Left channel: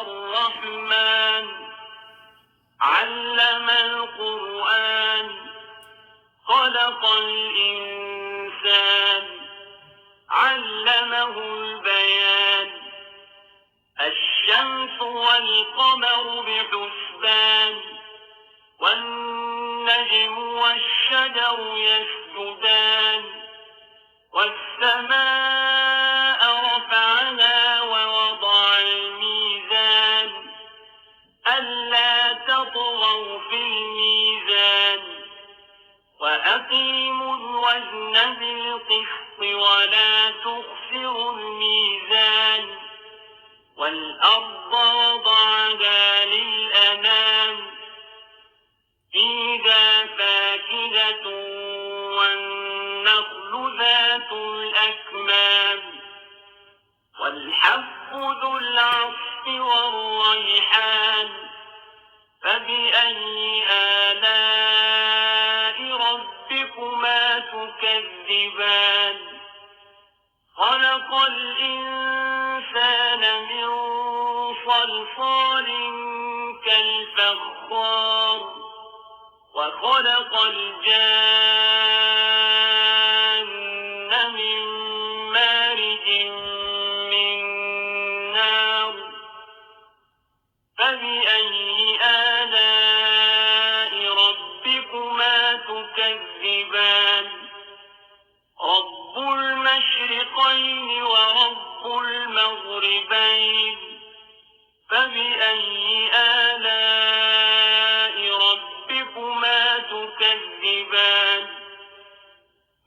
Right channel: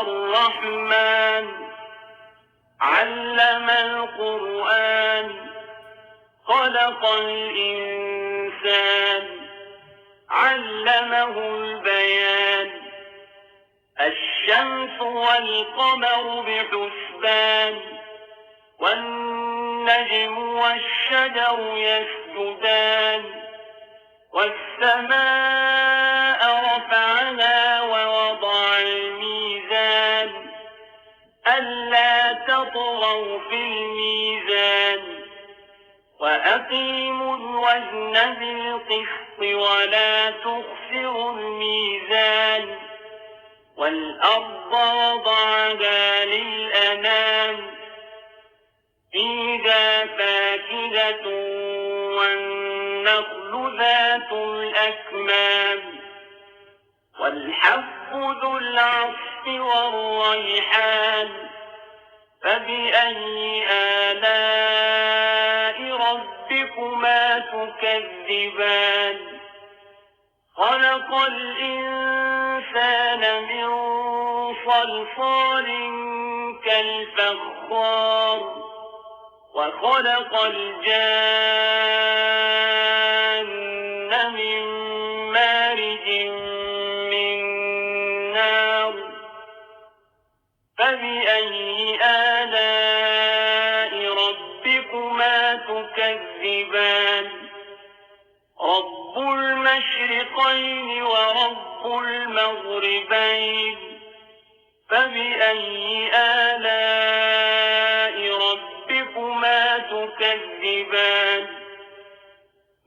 الرحمن علم القرآن خلق الإنسان علمه البيان الشمس والقمر بحسبان والنجم والشجر يسجدان والسماء رفعها ووضع الميزان ألا تطغوا في الميزان وأقيموا الوزن بالقسط ولا تخسروا الميزان والأرض وضعها للأنام فيها فاكهة والنخل ذات الأكمام والحب ذو العصف والريحان فبأي آلاء ربكما تكذبان خلق الإنسان من صلصال كالفخار وخلق الجان من مارج من نار فبأي آلاء ربكما تكذبان رب المشرقين ورب المغربين فبأي آلاء ربكما تكذبان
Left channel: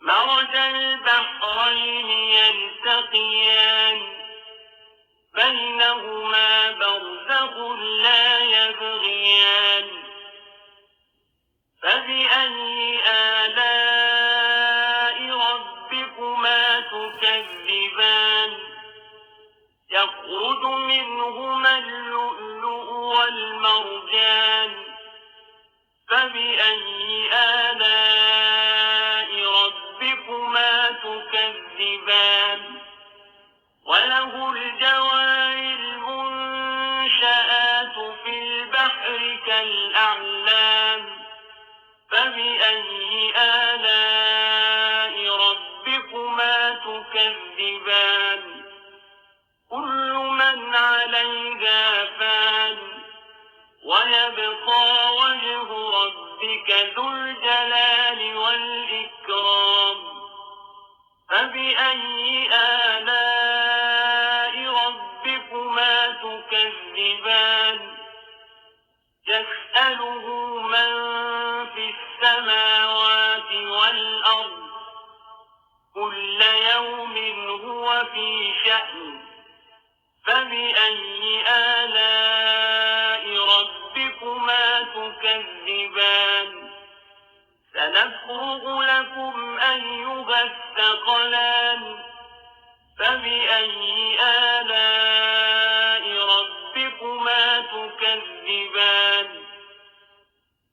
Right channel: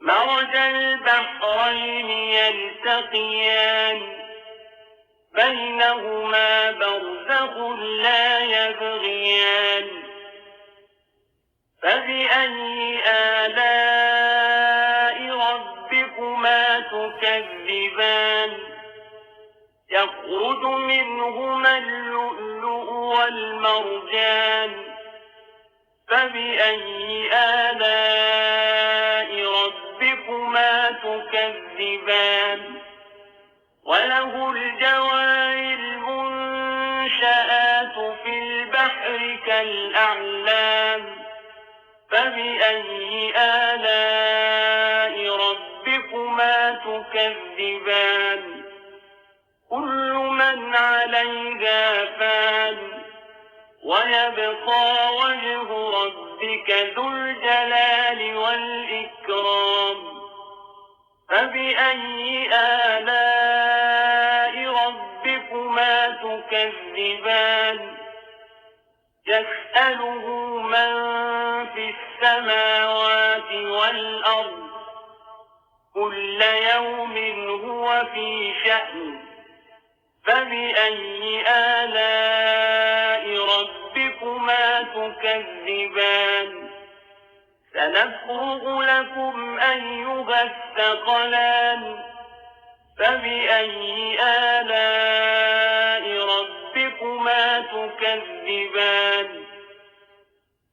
مرج البحرين يلتقيان بينهما برزخ لا يبغيان فبأي آلاء ربكما تكذبان يخرج منهما اللؤلؤ والمرجان فبأي آلاء ربكما تكذبان وله الجوار المنشآت في البحر كالأعلام فبأي آلاء ربكما تكذبان كل من عليها فان ويبقى وجه ربك ذو الجلال والإكرام فبأي آلاء ربكما تكذبان يسأله من في السماوات والأرض كل يوم هو في شأن فبأي آلاء ربكما تكذبان سنفرغ لكم أيها الثقلان فبأي آلاء ربكما تكذبان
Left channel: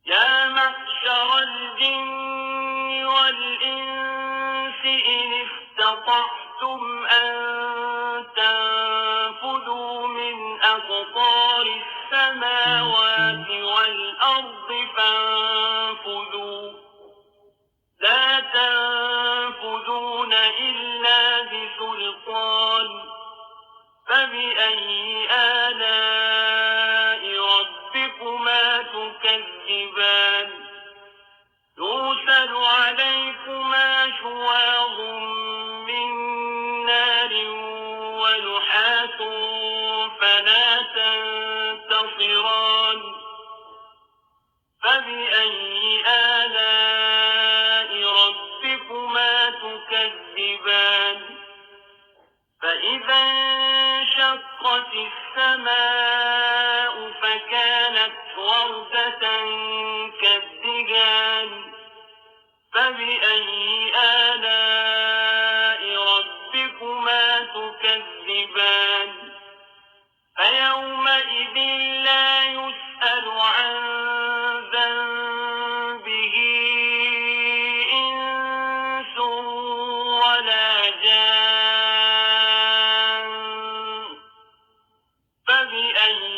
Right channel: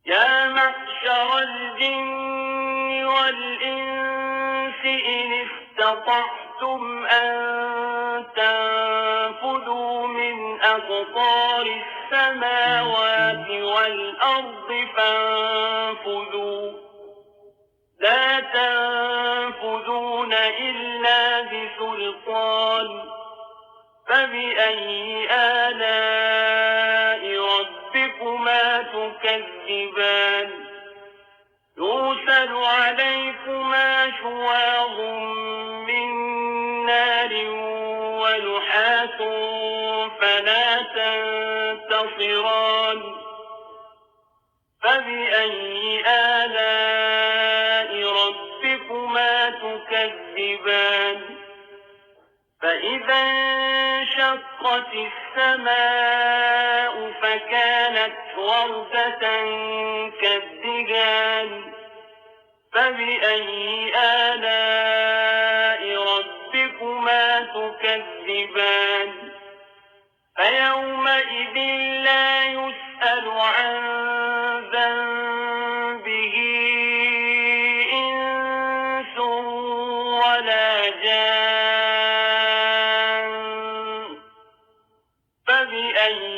يا معشر الجن والإنس إن استطعتم أن تنفذوا من أقطار السماوات والأرض فانفذوا لا تنفذون إلا بسلطان فبأي آلاء ربكما تكذبان يرسل عليكما شواظ من نار ونحاس فلا تنتصران فبأي آلاء ربكما تكذبان فإذا انشقت السماء فكانت وردة كالدهان فبأي آلاء ربكما تكذبان فيومئذ لا يسأل عن ذنبه إنس ولا جان فبأي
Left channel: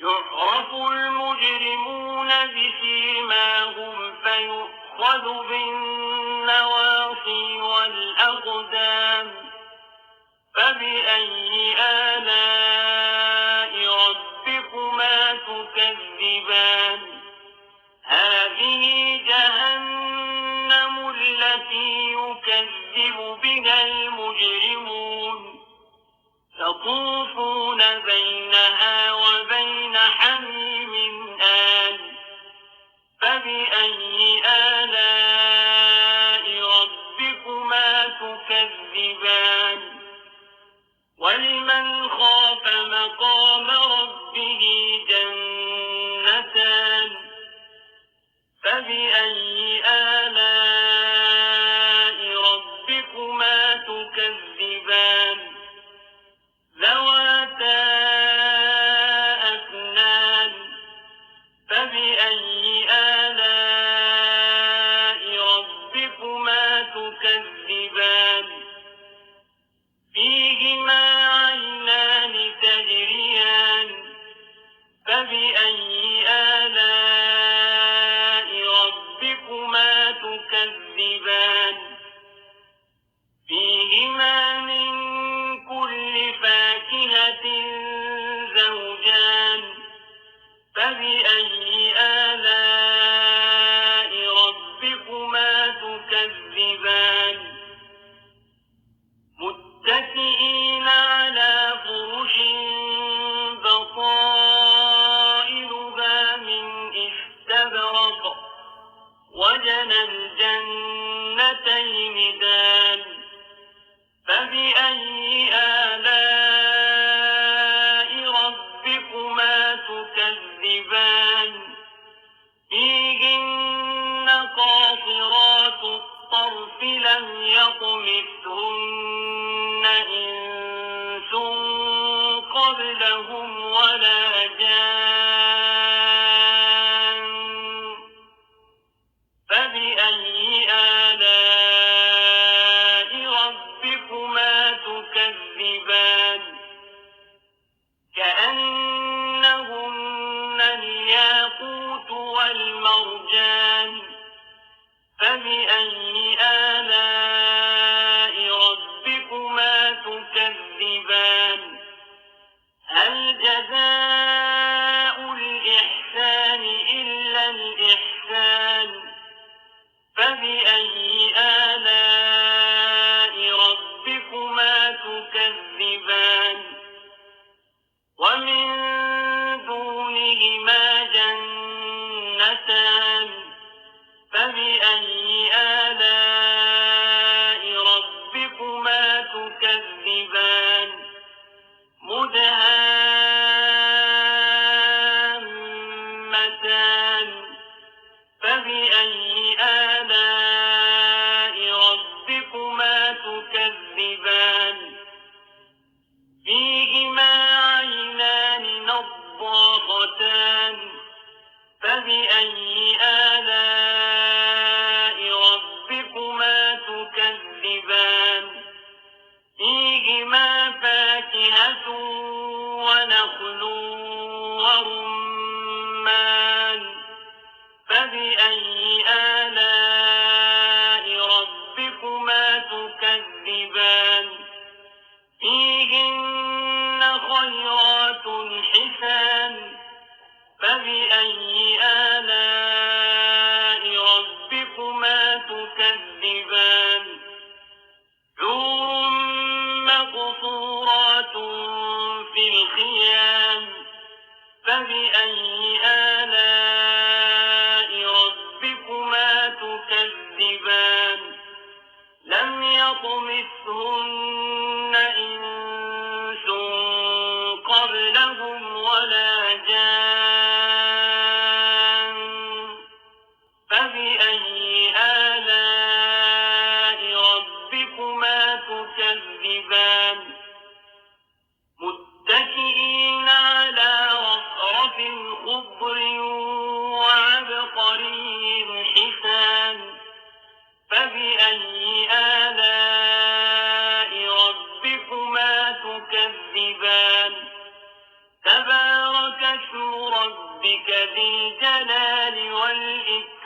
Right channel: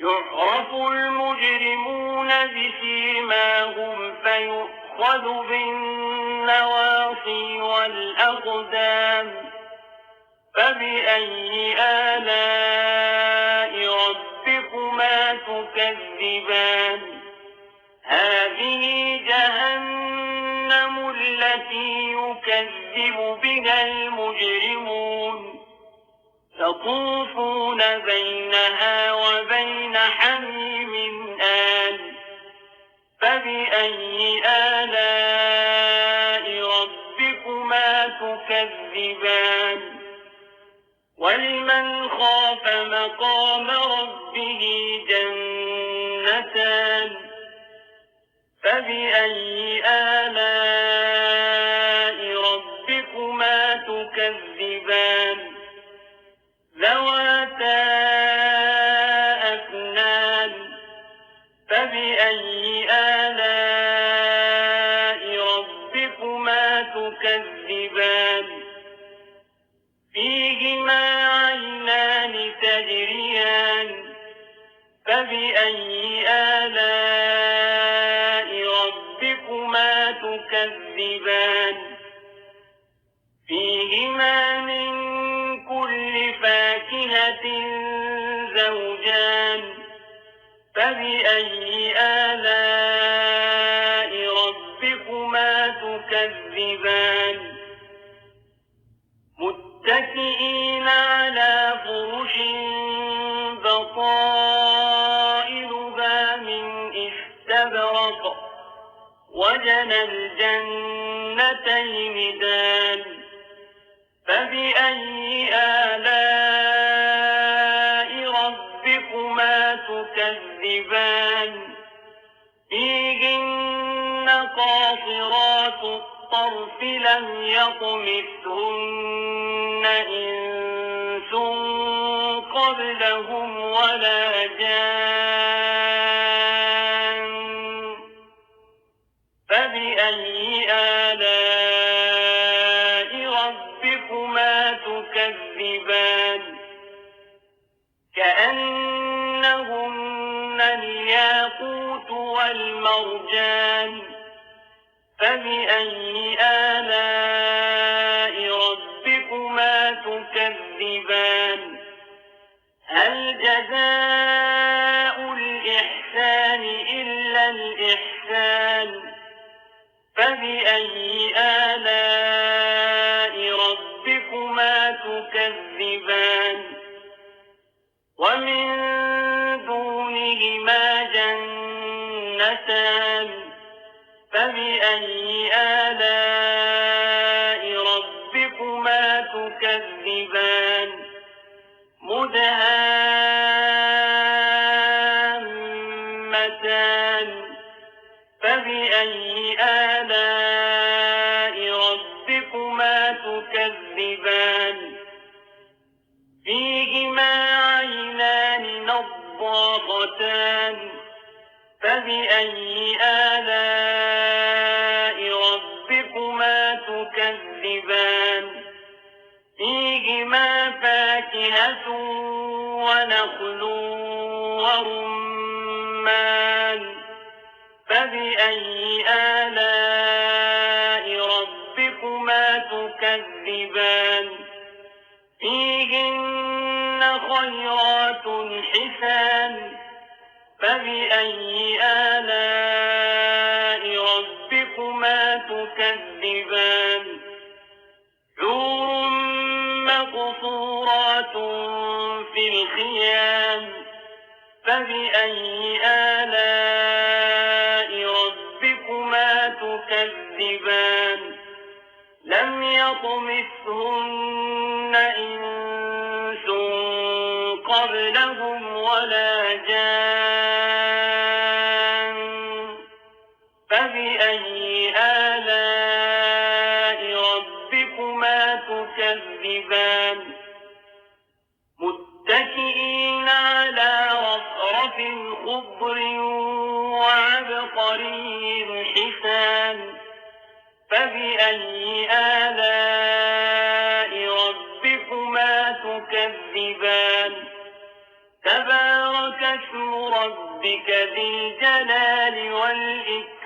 يعرف المجرمون بسيماهم فيؤخذ بالنواصي والأقدام فبأي آلاء ربكما تكذبان هذه جهنم التي يكذب بها المجرمون يطوفون بينها وبين حميم آن فبأي آلاء ربكما تكذبان ولمن خاف مقام ربه جنتان فبأي آلاء ربكما تكذبان ذواتا أفنان فبأي آلاء ربكما تكذبان فيهما عينان تجريان فبأي آلاء ربكما تكذبان فيهما من كل فاكهة زوجان فبأي آلاء ربكما تكذبان متكئين على فرش بطائلها من استبرق وجنى الجنتين دان فبأي آلاء ربكما تكذبان فيهن قاصرات الطرف لم يطمثهن إنس قبلهم ولا جان فبأي آلاء ربكما تكذبان كأنهن الياقوت والمرجان فبأي آلاء ربكما تكذبان هل جزاء الإحسان إلا الإحسان فبأي آلاء ربكما تكذبان ومن دونهما جنتان فبأي آلاء ربكما تكذبان مدهامتان فبأي آلاء ربكما تكذبان فيهما عينان نضاختان فبأي آلاء ربكما تكذبان فيهما فاكهة ونخل ورمان فبأي آلاء ربكما تكذبان فيهن خيرات حسان فبأي آلاء ربكما تكذبان حور مقصورات في الخيام فبأي آلاء ربكما تكذبان لم يطمثهن إنس قبلهم ولا جان فبأي آلاء ربكما تكذبان متكئين على رفرف خضر وعبقري حسان فبأي آلاء ربكما تكذبان تبارك اسم ربك ذي الجلال والإكرام.